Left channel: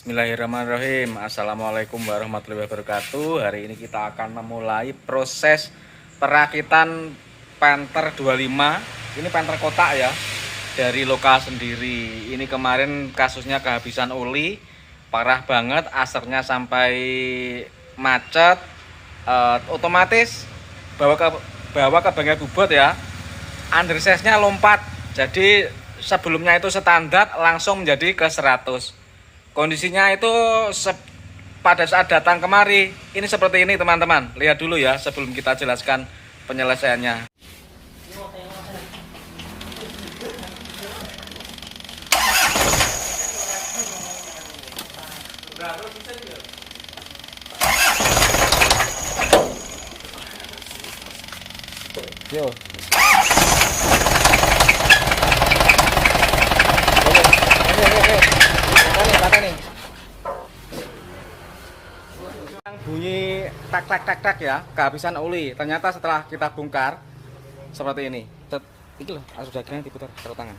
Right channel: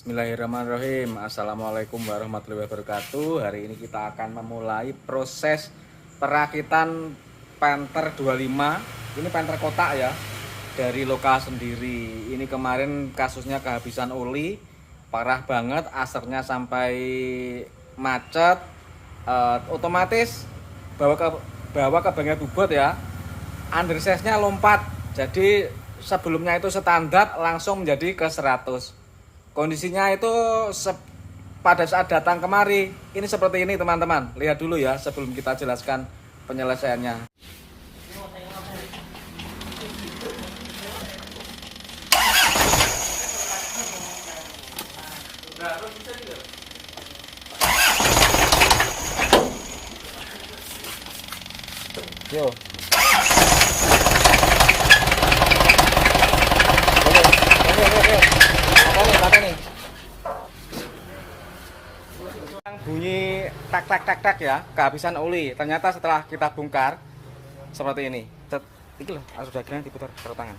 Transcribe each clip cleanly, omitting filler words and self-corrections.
Bismillahirrahmanirrahim. Assalamualaikum warahmatullahi wabarakatuh. Hari ini kita akan memulai proses perakitan Panther 25. Ini Panther kotak ya, dari lokal sendiri. Ini kemarin kasusnya kehabisan oli, parah banget, asapnya sampai macet. Otomatis bawa ke bengkel bubut ya, undersize-nya lompat. Jadi sebelumnya itu standar, langsung menjadi ke 100. Kondisinya itu pada saat datang kemari ini seperti ini teman-teman. Lihat dulu ya sebelum kita jelaskan penyelesaiannya. Yo. Nih. Bunyi tak ya, kehabisan oli. Ternyata setelah kita bongkar seperti ini. Itu loh, sudah diputar taruh tangan.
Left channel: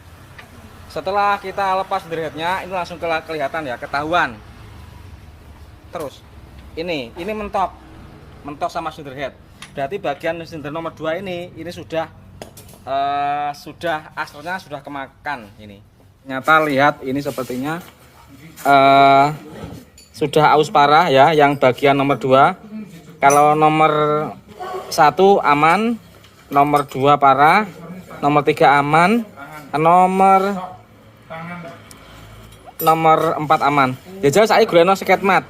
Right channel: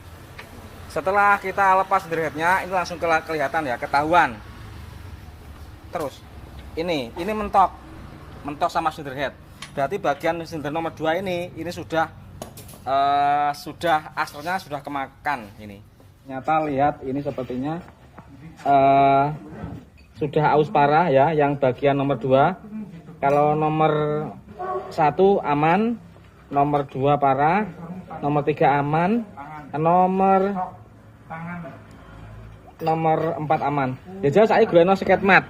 Setelah kita lepas underheadnya, ini langsung kelihatan ya, ketahuan. Terus ini mentok sama underhead. Berarti bagian silinder nomor 2 ini sudah asapnya sudah kemakan ini. Ternyata lihat ini sepertinya sudah aus parah ya, yang bagian nomor 2. Kalau nomor 1 aman, nomor 2 parah, nomor 3 aman, nomor 4 aman. Ya jelas saya guleno seket mat.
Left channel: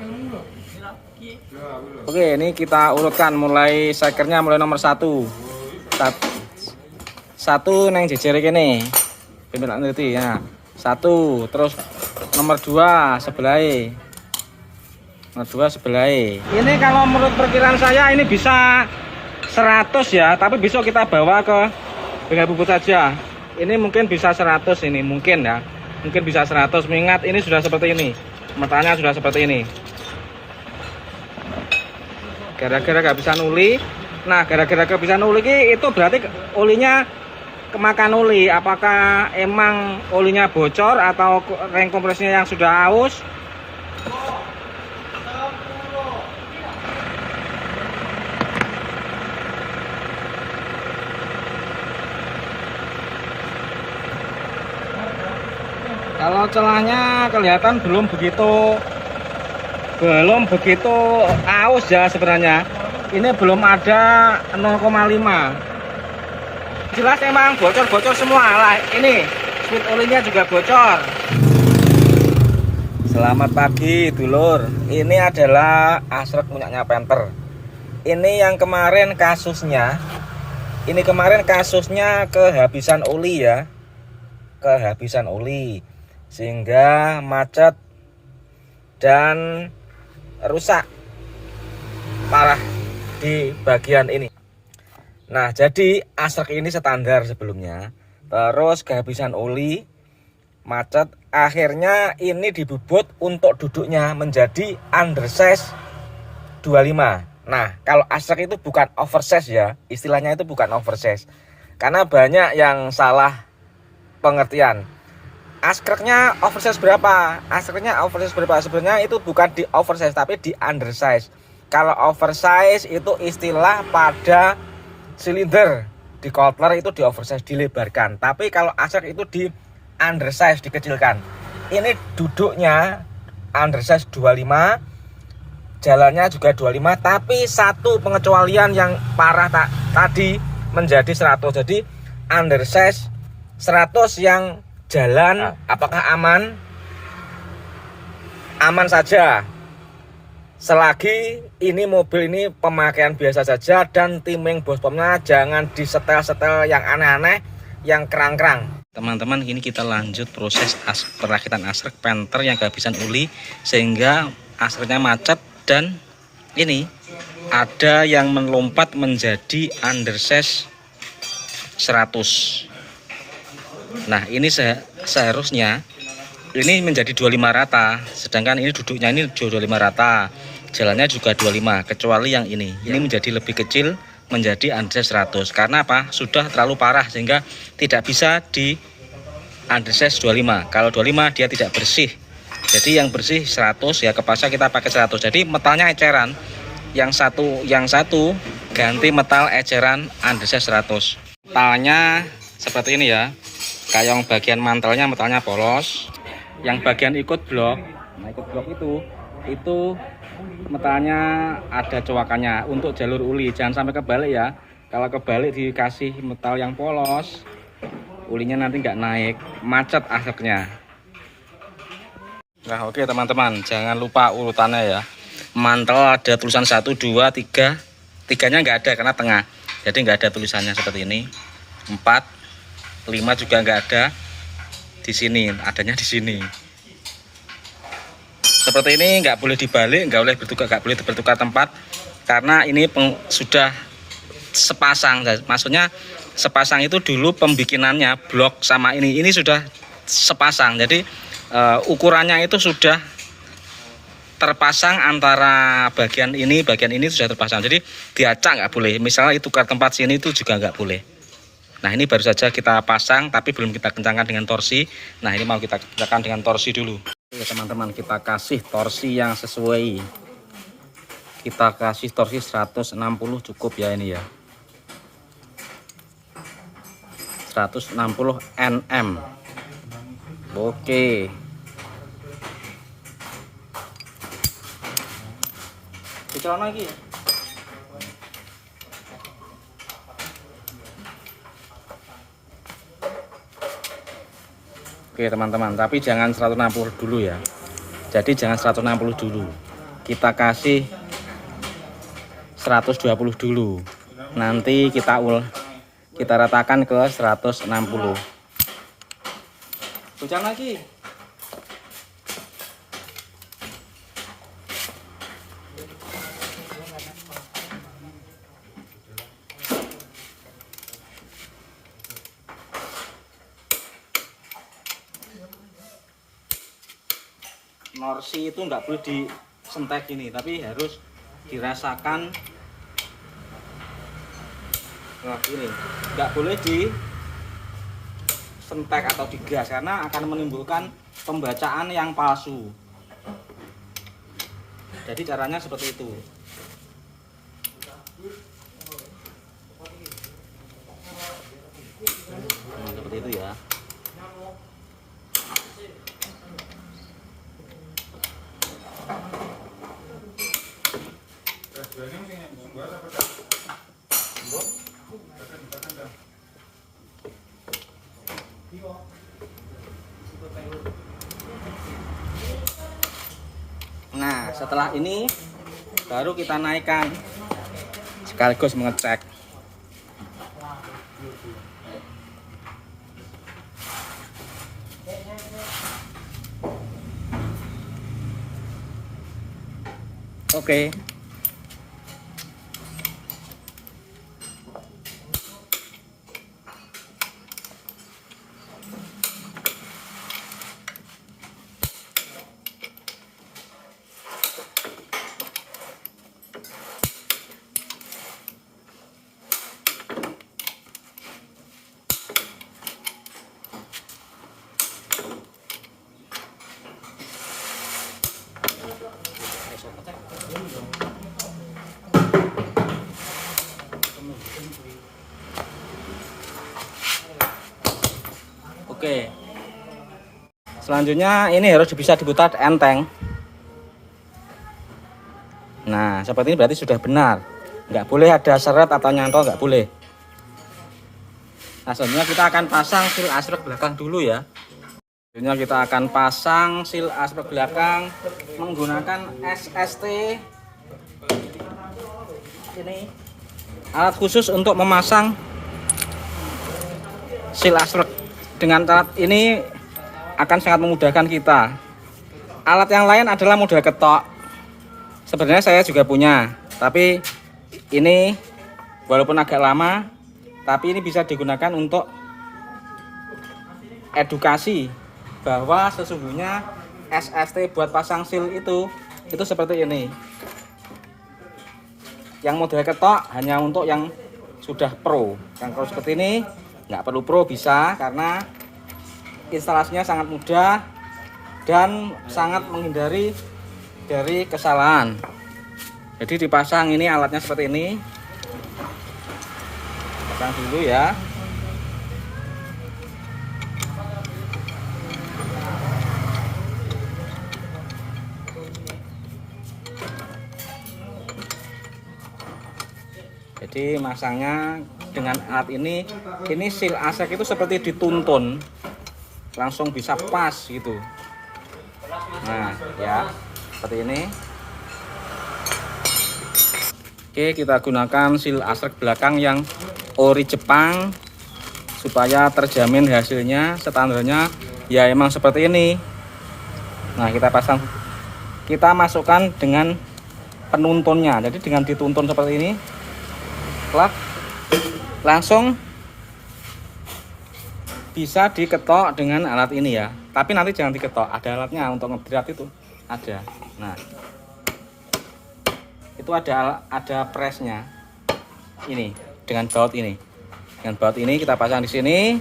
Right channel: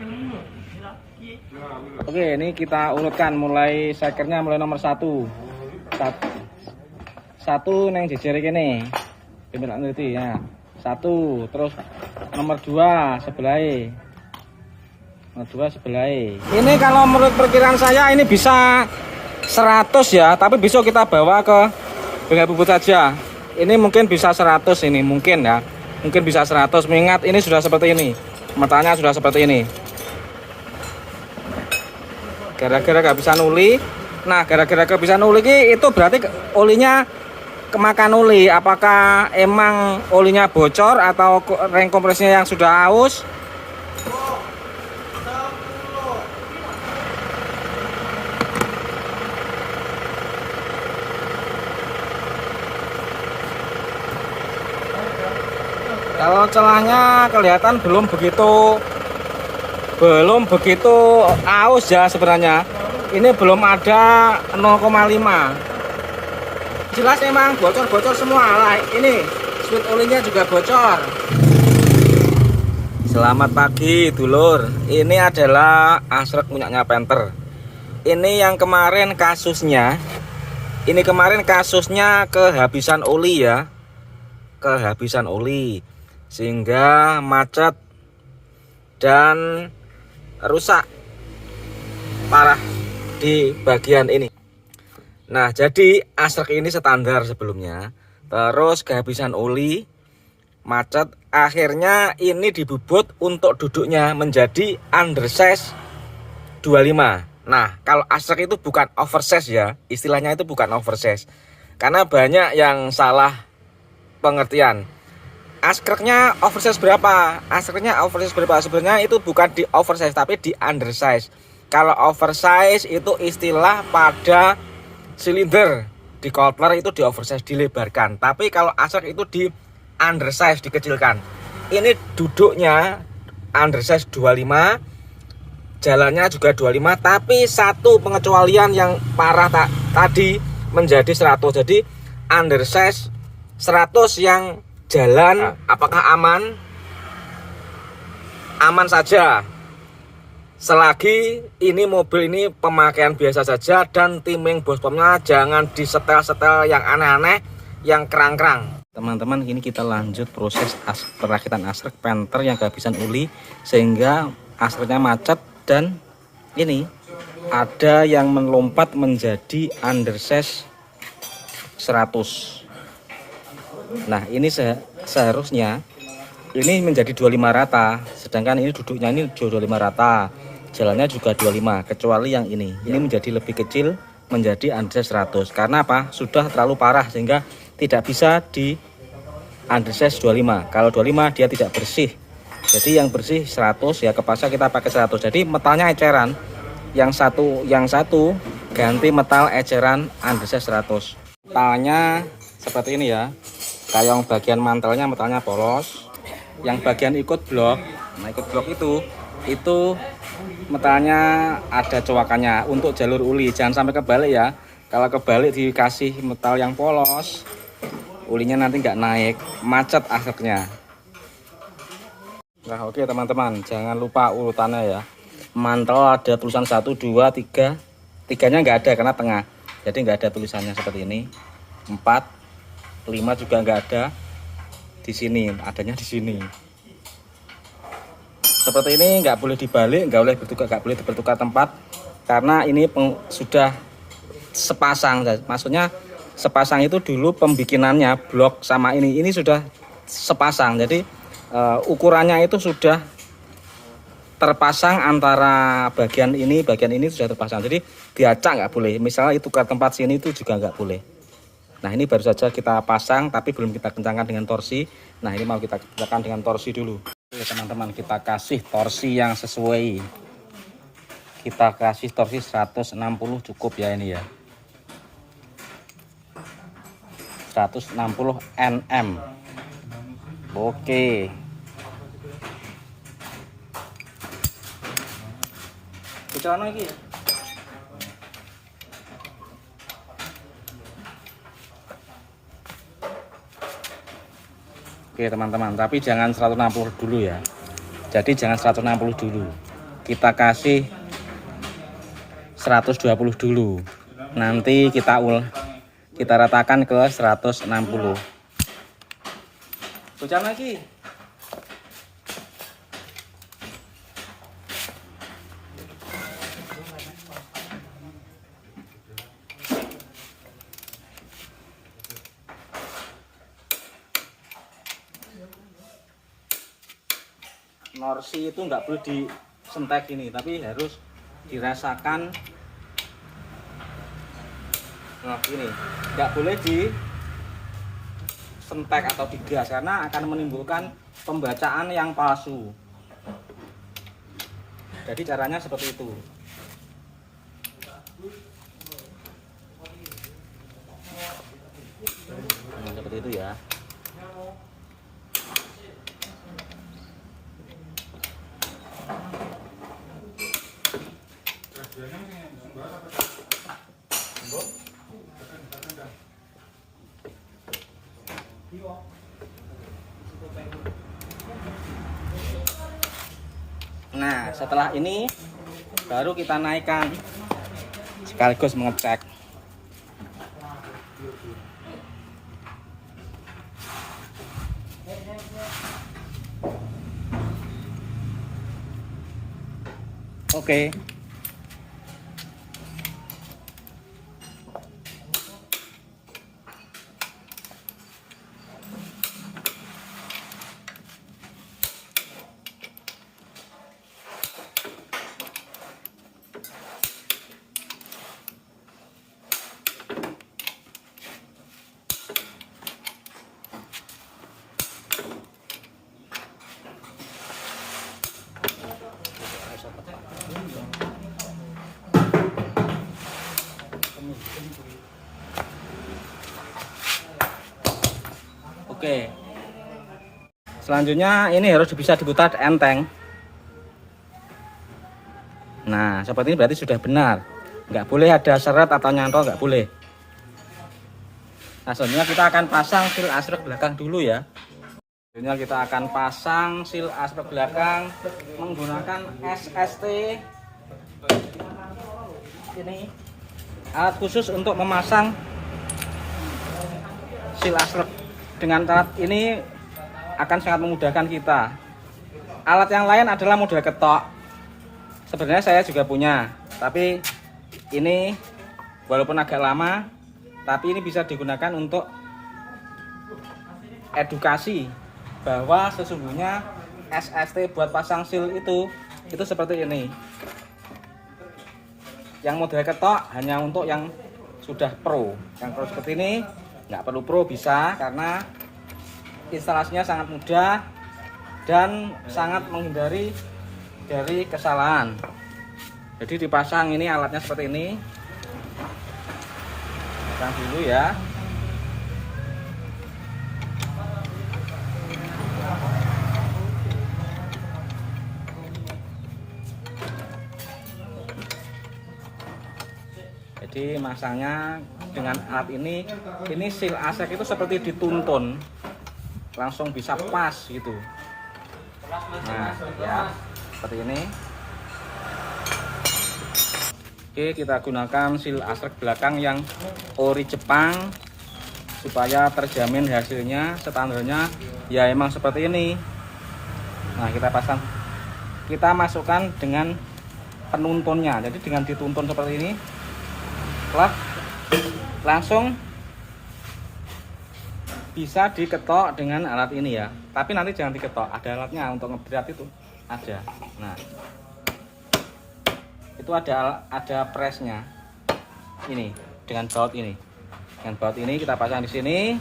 Oke, ini kita urutkan mulai sekernya, mulai nomor 1 neng jejer ini pimpinan nanti ya. 1, terus nomor 2 sebelah. Ini kalau menurut perkiraan saya ini bisa 100 ya, tapi besok kita bawa ke bengkel bubut saja. Ini mungkin bisa 100 ini, mungkin ya. Mungkin bisa 100, mengingat ini sudah seperti ini. Matanya sudah seperti ini. Gara-gara kehabisan oli. Nah, gara-gara kehabisan oli itu berarti olinya kemakan oli. Apakah emang olinya bocor atau ring kompresnya yang sudah aus? Kalau celahnya kelihatan belum begitu aus ya sebenarnya. Ini belum ada 0,5. Jelas emang bocor semua lah. Ini speed olinya juga bocor. Selamat pagi dulur. Ini adalah asrek punyanya Panther. Ini yang kemarin kasusnya. Ini kemarin kasusnya kehabisan oli ya. Kehabisan oli sehingga macet dan rusak parah di bagian ini. Nah, jadi asrek ini standar sebelumnya, terus kehabisan oli, macet, akhirnya ini dibubut untuk duduknya menjadi undersize 25. Nah, kalau asrek itu bukan oversize ya, istilahnya itu bukan oversize. Karena banyak yang salah pengertian. Askreknya oversize berapa? Askreknya oversize berapa? Sebenarnya itu bukan di oversize tapi di undersize. Kalau oversize itu istilah pada silinder, di coupler itu di oversize, dilebarkan. Tapi kalau asrek itu di undersize, dikecilkan. Ini duduknya undersize 25, jalannya juga 25, tapi satu pengecualian yang parah tadi menjadi 100. Jadi undersize 100 yang jalan apakah aman? Aman saja. Selagi ini mobil ini pemakaian biasa saja dan timing bospomnya jangan disetel-setel yang aneh-aneh, yang kerang-kerang. Teman-teman, ini kita lanjut proses perakitan asrek Panther yang kehabisan oli sehingga asreknya macet dan ini ada yang melompat menjadi undersize 100. Nah, ini seharusnya ini menjadi 25 rata, sedangkan ini duduknya ini 25 rata, jalannya juga 25, kecuali yang ini menjadi lebih kecil, menjadi undersize 100. Karena apa? Sudah terlalu parah sehingga tidak bisa di undersize 25. Kalau 25 dia tidak bersih, Jadi yang bersih 100 ya, kepasnya kita pakai 100. Jadi metalnya eceran. Yang satu ganti metal eceran andesnya 100. Metalnya seperti ini ya. Kayak yang bagian mantelnya metalnya polos. Yang bagian ikut blok, nah ikut blok itu metalnya ada cowakannya untuk jalur uli. Jangan sampai kebalik ya. Kalau kebalik dikasih metal yang polos, ulinya nanti nggak naik, macet akhirnya. Nah oke teman-teman, jangan lupa urutannya ya. Mantel ada tulisan 1, 2, 3. 3-nya nggak ada karena tengah, jadi nggak ada tulisannya seperti ini. 4, 5 juga nggak ada. Di sini adanya di sini. Seperti ini, nggak boleh dibalik, nggak boleh bertukar tempat, karena ini sudah sepasang. Maksudnya sepasang itu dulu pembikinannya blok sama ini sudah sepasang. Jadi ukurannya itu sudah terpasang antara bagian ini sudah terpasang. Jadi diacak nggak boleh. Misalnya itu tukar tempat sini itu juga nggak boleh. Nah ini baru saja kita pasang tapi belum kita kencangkan dengan torsi. Nah ini mau kita kencangkan dengan torsi dulu. Oke teman-teman, kita kasih torsi yang sesuai. Kita kasih torsi 160 cukup ya ini ya. 160 Nm. Oke. Bicara lagi. Oke teman-teman, tapi jangan 160 dulu ya. Jadi jangan 160 dulu. Kita kasih 120 dulu. Nanti kita ratakan ke 160. Bicara lagi. Norsi itu nggak boleh disentek ini, tapi harus dirasakan. Nah ini nggak boleh disentek atau digas karena akan menimbulkan pembacaan yang palsu. Jadi caranya seperti itu. Nah, seperti itu ya. Nah setelah ini baru kita naikkan sekaligus mengecek. Oke. Oke. Selanjutnya ini harus bisa diputar enteng. Nah, seperti ini berarti sudah benar. Nggak boleh ada seret atau nyantol, nggak boleh. Nah, selanjutnya kita akan pasang seal asrek belakang dulu ya. Selanjutnya kita akan pasang seal asrek belakang menggunakan SST. Ini alat khusus untuk memasang seal asrek. Dengan alat ini akan sangat memudahkan kita. Alat yang lain adalah model ketok. Sebenarnya saya juga punya, tapi ini walaupun agak lama, tapi ini bisa digunakan untuk edukasi bahwa sesungguhnya SST buat pasang seal itu seperti ini. Yang model ketok hanya untuk yang sudah pro. Yang pro seperti ini nggak perlu pro, bisa, karena instalasinya sangat mudah dan sangat menghindari dari kesalahan. Jadi dipasang ini alatnya seperti ini. Pasang dulu ya. Jadi masangnya dengan alat ini seal asrek itu seperti dituntun, langsung bisa pas gitu. Nah ya, seperti ini. Oke, kita gunakan seal asrek belakang yang ori Jepang supaya terjamin hasilnya. Standarnya ya emang seperti ini. Nah kita pasang, kita masukkan dengan penuntunnya. Jadi dengan dituntun seperti ini, langsung bisa diketok dengan alat ini ya. Tapi nanti jangan diketok, ada alatnya untuk ngeberat itu ada. Nah itu ada presnya ini dengan baut ini. Dengan baut ini kita pasang di sini.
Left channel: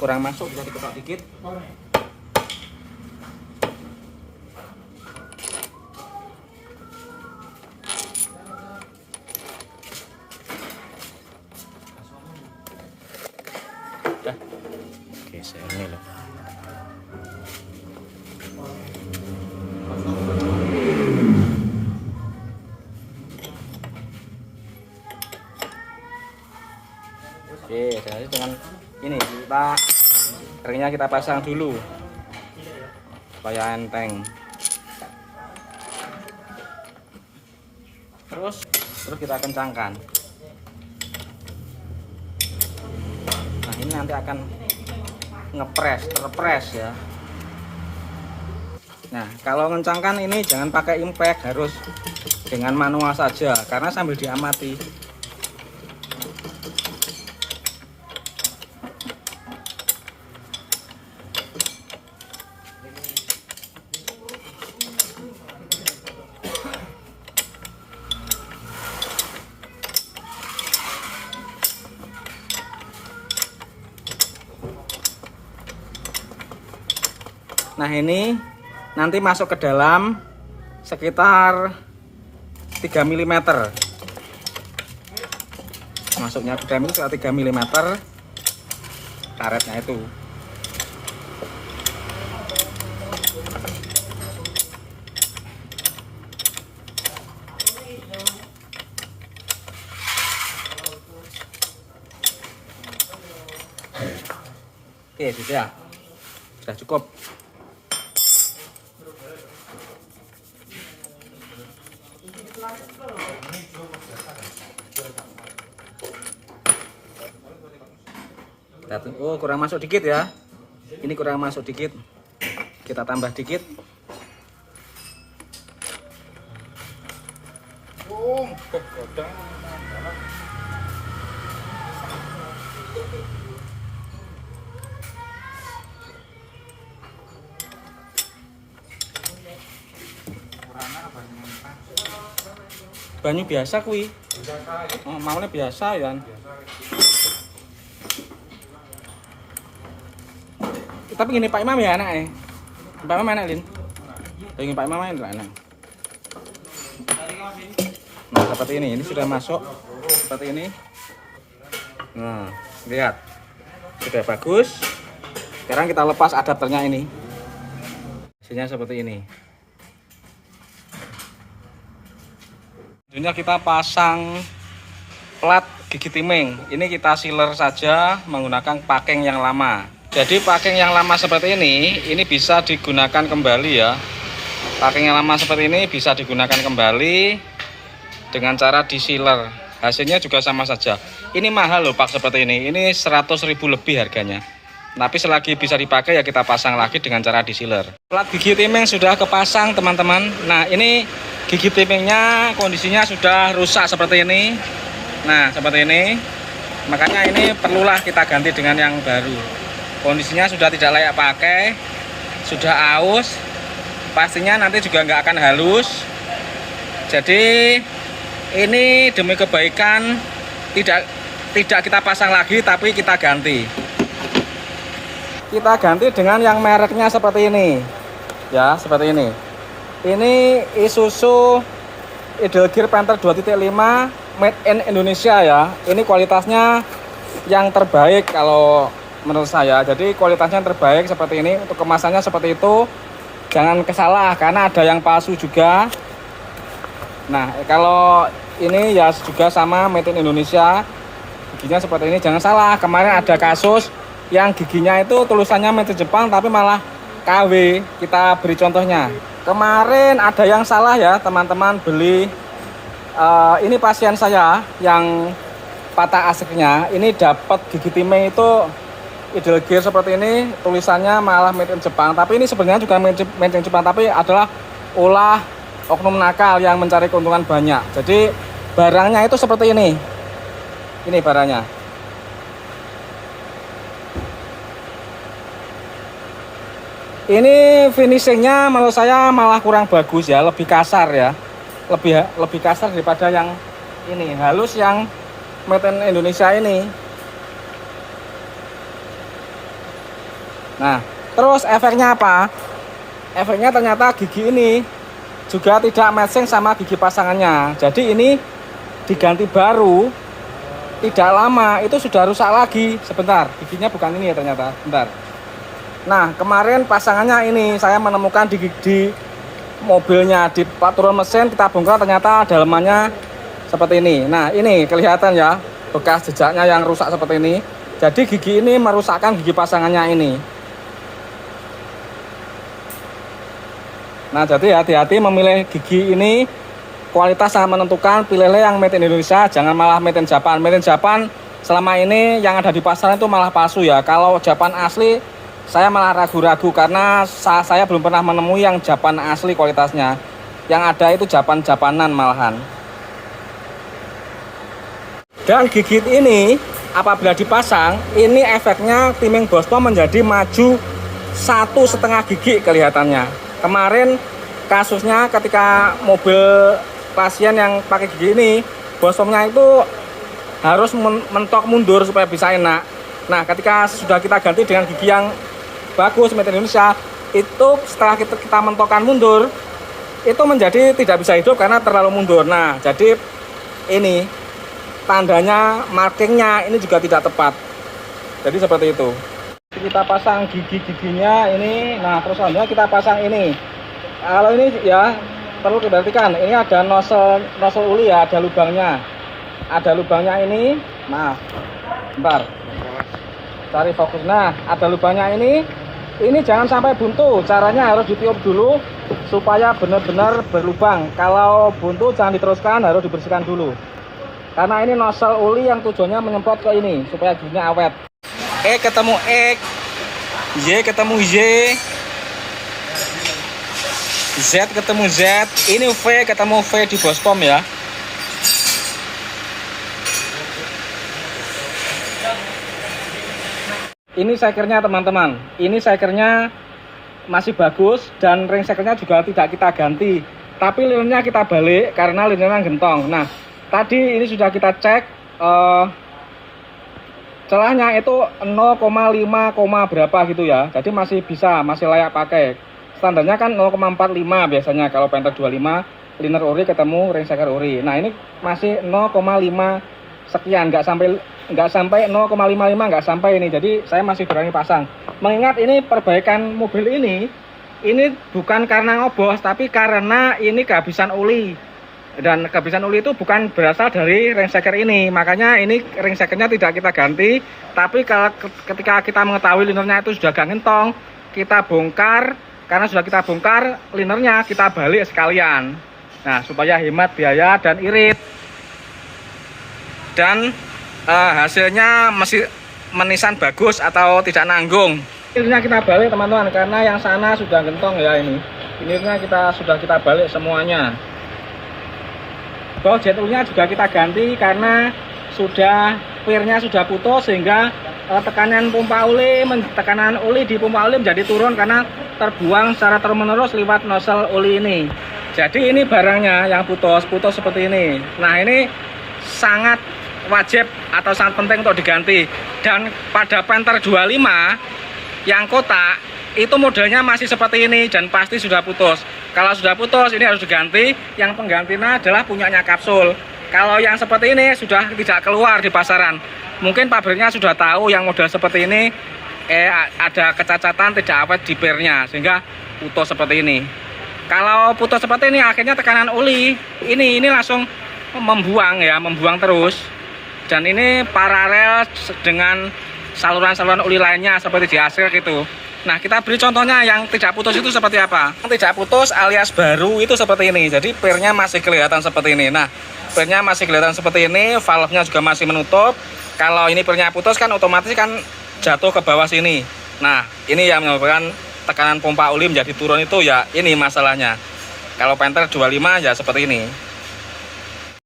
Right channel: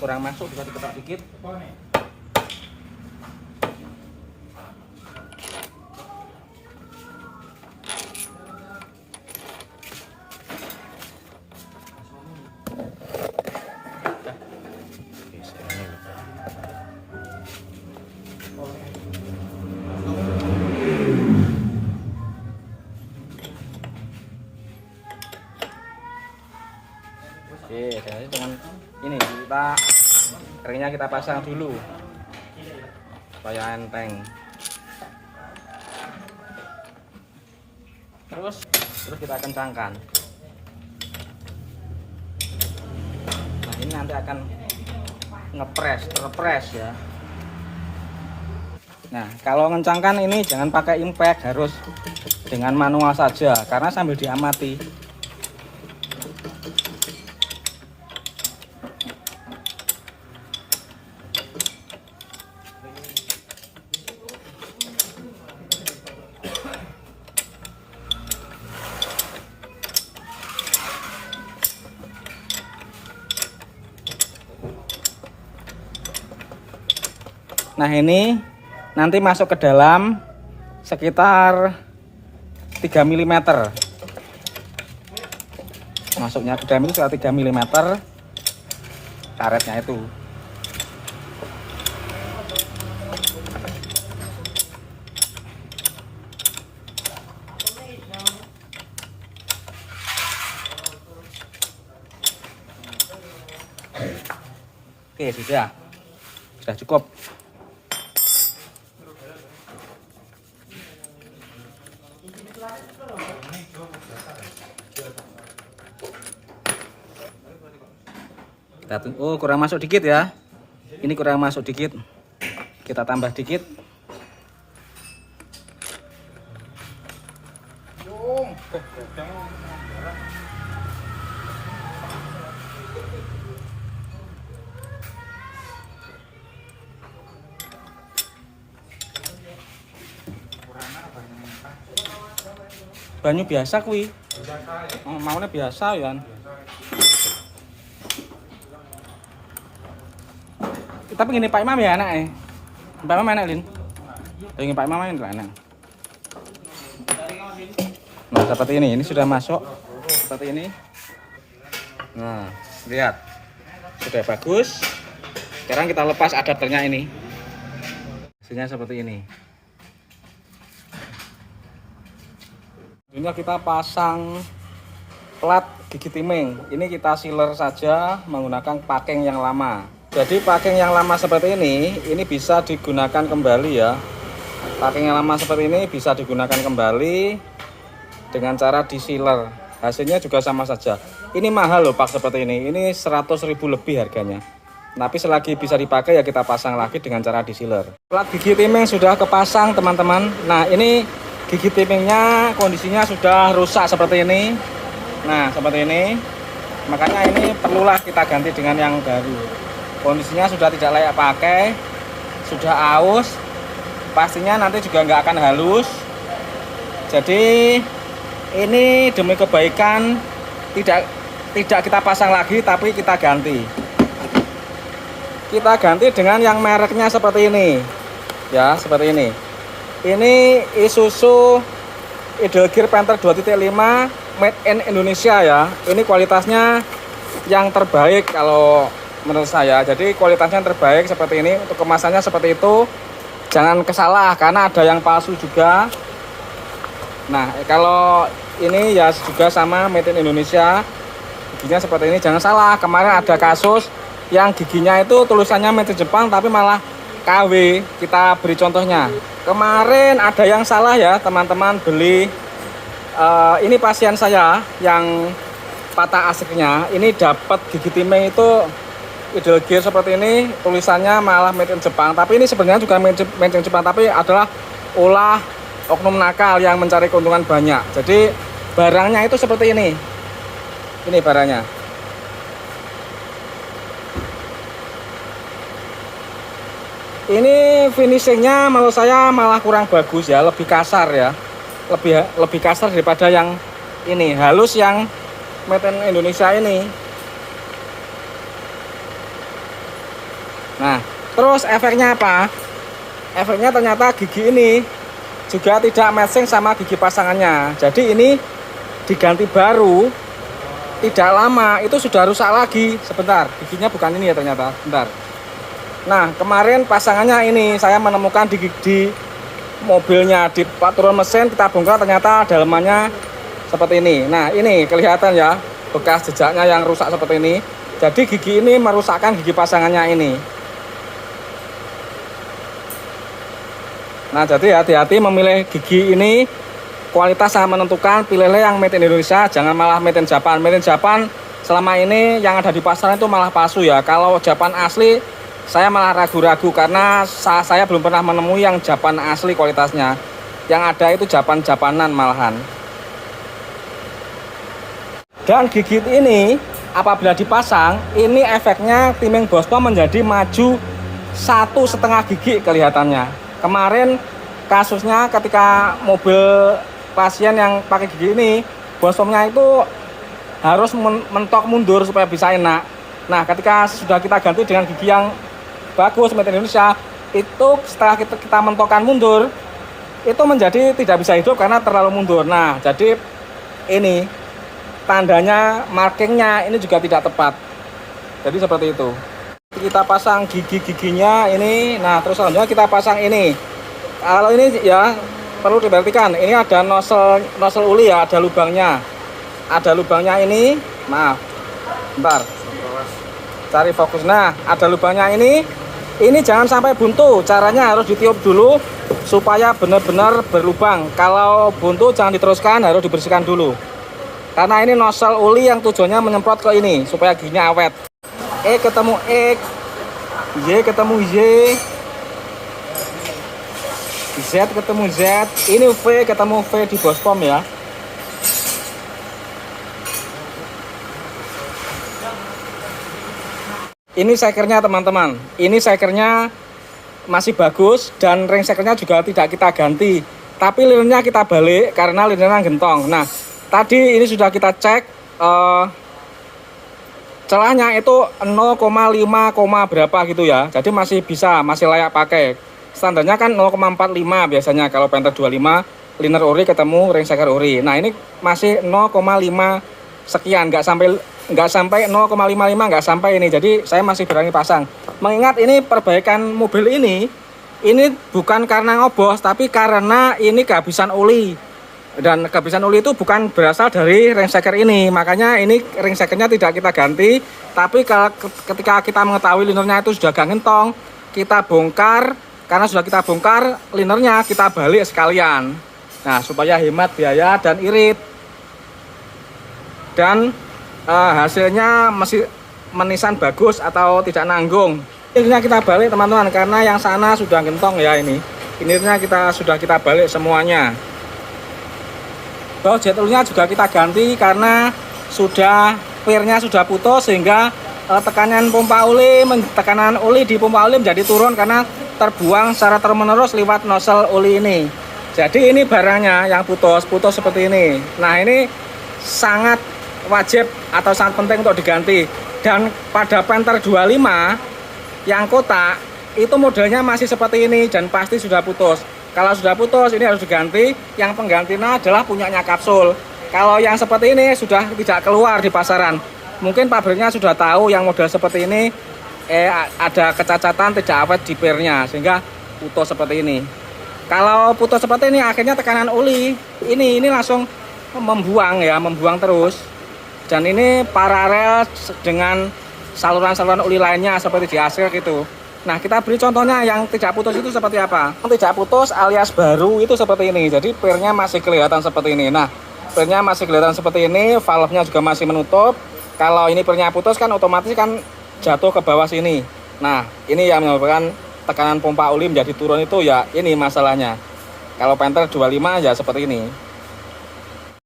Kurang masuk bisa diketok dikit. Oke, saya ini loh. Oke, jadi dengan ini kita keringnya kita pasang dulu supaya enteng. Terus kita kencangkan. Nah ini nanti akan terpres ya. Nah kalau ngencangkan ini jangan pakai impact, harus dengan manual saja karena sambil diamati. Nah ini nanti masuk ke dalam sekitar 3 mm. Masuknya ke dalam itu sekitar 3 mm karetnya itu. Oke, sudah cukup. Oh kurang masuk dikit ya, ini kurang masuk dikit, kita tambah dikit. Banyu biasa kuwi, maunya biasa ya. Tapi gini Pak Imam ya anaknya. Pak Imam enak Lin. Ini Pak Imam enak enak. Nah seperti ini sudah masuk seperti ini. Nah lihat sudah bagus. Sekarang kita lepas adapternya ini. Hasilnya seperti ini. Selanjutnya kita pasang plat gigi timing. Ini kita sealer saja menggunakan packing yang lama. Jadi packing yang lama seperti ini bisa digunakan kembali ya. Packing yang lama seperti ini bisa digunakan kembali dengan cara di sealer. Hasilnya juga sama saja. Ini mahal loh Pak seperti ini. Ini 100.000 lebih harganya. Tapi selagi bisa dipakai ya kita pasang lagi dengan cara di sealer. Plat gigi timing sudah kepasang teman-teman. Nah ini gigi timingnya kondisinya sudah rusak seperti ini. Nah seperti ini. Makanya ini perlulah kita ganti dengan yang baru. Kondisinya sudah tidak layak pakai, sudah aus, pastinya nanti juga nggak akan halus. Jadi ini demi kebaikan tidak kita pasang lagi tapi kita ganti. kita ganti dengan yang mereknya seperti ini ya, seperti ini. Ini Isuzu Edelgear Panther 2.5 made in Indonesia ya. Ini kualitasnya yang terbaik kalau menurut saya. Jadi kualitasnya yang terbaik seperti ini. Untuk kemasannya seperti itu. Jangan kesalah karena ada yang palsu juga. Nah, kalau ini ya juga sama made in Indonesia. Giginya seperti ini, jangan salah. Kemarin ada kasus yang giginya itu tulisannya made in Jepang tapi malah KW. Kita beri contohnya. Kemarin ada yang salah ya teman-teman beli ini pasien saya yang patah aslinya. Ini dapat gigi timeng itu Edelgear seperti ini, tulisannya malah made in Jepang. Tapi ini sebenarnya juga made in Jepang, tapi adalah ulah oknum nakal yang mencari keuntungan banyak. Jadi barangnya itu seperti ini. Ini barangnya. Ini finishingnya menurut saya malah kurang bagus ya, lebih kasar ya, lebih kasar daripada yang ini halus yang made in Indonesia ini. Nah, terus efeknya apa? Efeknya ternyata gigi ini juga tidak matching sama gigi pasangannya. Jadi ini diganti baru, tidak lama itu sudah rusak lagi. Sebentar, giginya bukan ini ya ternyata. Bentar. Nah, kemarin pasangannya ini saya menemukan di mobilnya, di turun mesin kita bongkar ternyata dalamannya seperti ini. Nah, ini kelihatan ya bekas jejaknya yang rusak seperti ini. Jadi gigi ini merusakkan gigi pasangannya ini. Nah, jadi hati-hati memilih gigi ini. Kualitas sangat menentukan. Pilihlah yang made in Indonesia, jangan malah made in Japan. Made in Japan selama ini yang ada di pasaran itu malah palsu ya. Kalau Japan asli saya malah ragu-ragu karena saya belum pernah menemui yang Japan asli kualitasnya. Yang ada itu Japanan malahan. Dan gigi ini apabila dipasang, ini efeknya timeng Boston menjadi maju 1,5 gigi kelihatannya. Kemarin kasusnya ketika mobil pasien yang pakai gigi ini, Bostonnya itu harus mentok mundur supaya bisa enak. Nah, ketika sudah kita ganti dengan gigi yang bagus made in Indonesia, itu setelah kita mentokkan mundur itu menjadi tidak bisa hidup karena terlalu mundur. Nah, jadi ini tandanya, markingnya ini juga tidak tepat. Jadi seperti itu. Kita pasang gigi-giginya ini. Nah, terus selanjutnya kita pasang ini. Kalau ini ya perlu diperhatikan, ini ada nozzle uli ya, ada lubangnya. Ada lubangnya ini. Maaf. Bentar. Cari fokus. Nah, ada lubangnya ini. Ini jangan sampai buntu, caranya harus ditiup dulu supaya benar-benar berlubang. Kalau buntu jangan diteruskan, harus dibersihkan dulu. Karena ini nozzle uli yang tujuannya menyemprot ke ini supaya giginya awet. E ketemu X, Y ketemu Y, Z ketemu Z, ini V ketemu V di Bospom ya. Ini sekernya teman-teman, ini sekernya masih bagus dan ring sekernya juga tidak kita ganti, tapi linernya kita balik karena linernya gentong. Nah, tadi ini sudah kita cek celahnya itu 0,5, berapa gitu ya, jadi masih bisa, masih layak pakai. Standarnya kan 0,45 biasanya kalau Panther 25 liner ori ketemu ring seker ori. Nah, ini masih 0,5 sekian, nggak sampai 0,55, nggak sampai ini. Jadi saya masih berani pasang. Mengingat ini perbaikan mobil ini bukan karena ngobos, tapi karena ini kehabisan oli. Dan kehabisan oli itu bukan berasal dari ring seker ini. Makanya ini ring sekernya tidak kita ganti. Tapi ketika kita mengetahui linernya itu sudah gak ngentong, kita bongkar. Karena sudah kita bongkar, linernya kita balik sekalian. Nah, supaya hemat biaya dan irit. Dan hasilnya masih menisan bagus atau tidak nanggung. Ini kita balik teman-teman, karena yang sana sudah gentong ya ini. Ini sudah kita balik semuanya. Baut jetulnya juga kita ganti karena pirnya sudah putus sehingga tekanan oli di pompa oli menjadi turun karena terbuang secara terus-menerus lewat nozzle oli ini. Jadi ini barangnya yang putus seperti ini. Nah, ini sangat wajib atau sangat penting untuk diganti. Dan pada Panther 25 Yang kotak itu modelnya masih seperti ini dan pasti sudah putus. Kalau sudah putus ini harus diganti. Yang penggantinya adalah punyanya Kapsul. Kalau yang seperti ini sudah tidak keluar di pasaran. Mungkin pabriknya sudah tahu yang model seperti ini ada kecacatan tidak awet di pernya sehingga putus seperti ini. Kalau putus seperti ini akhirnya tekanan oli ini langsung membuang terus. Dan ini paralel dengan saluran-saluran oli lainnya seperti di Asrek itu. Nah, kita beri contohnya yang tidak putus itu seperti apa. Yang tidak putus alias baru itu seperti ini. Jadi pernya masih kelihatan seperti ini. Nah, pernya masih kelihatan seperti ini, valve-nya juga masih menutup. Kalau ini pernya putus kan otomatis kan jatuh ke bawah sini. Nah, ini yang menyebabkan tekanan pompa oli menjadi turun itu ya ini masalahnya. Kalau Panther 25 ya seperti ini.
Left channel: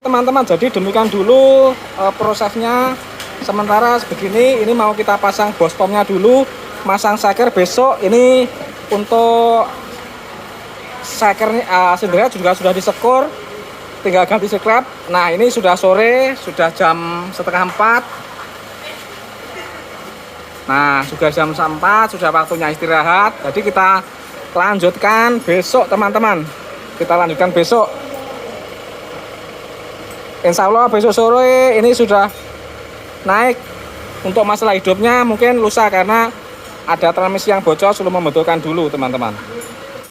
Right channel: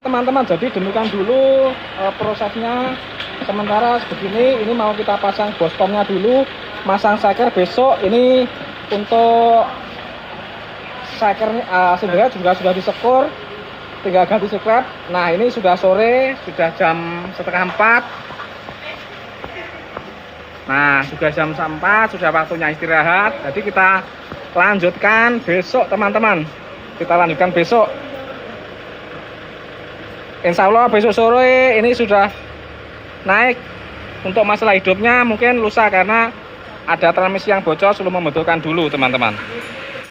Teman-teman, jadi demikian dulu prosesnya. Sementara begini, ini mau kita pasang bostomnya dulu, masang saker besok. Ini untuk sakernya sebenarnya juga sudah disekur, tinggal ganti scrap. Nah, ini sudah sore, sudah jam setengah 4. Nah, sudah jam 4, sudah waktunya istirahat. Jadi kita lanjutkan besok, teman-teman. Kita lanjutkan besok. Insya Allah besok sore ini sudah naik. Untuk masalah hidupnya mungkin lusa karena ada transmisi yang bocor, sudah membutuhkan dulu, teman-teman.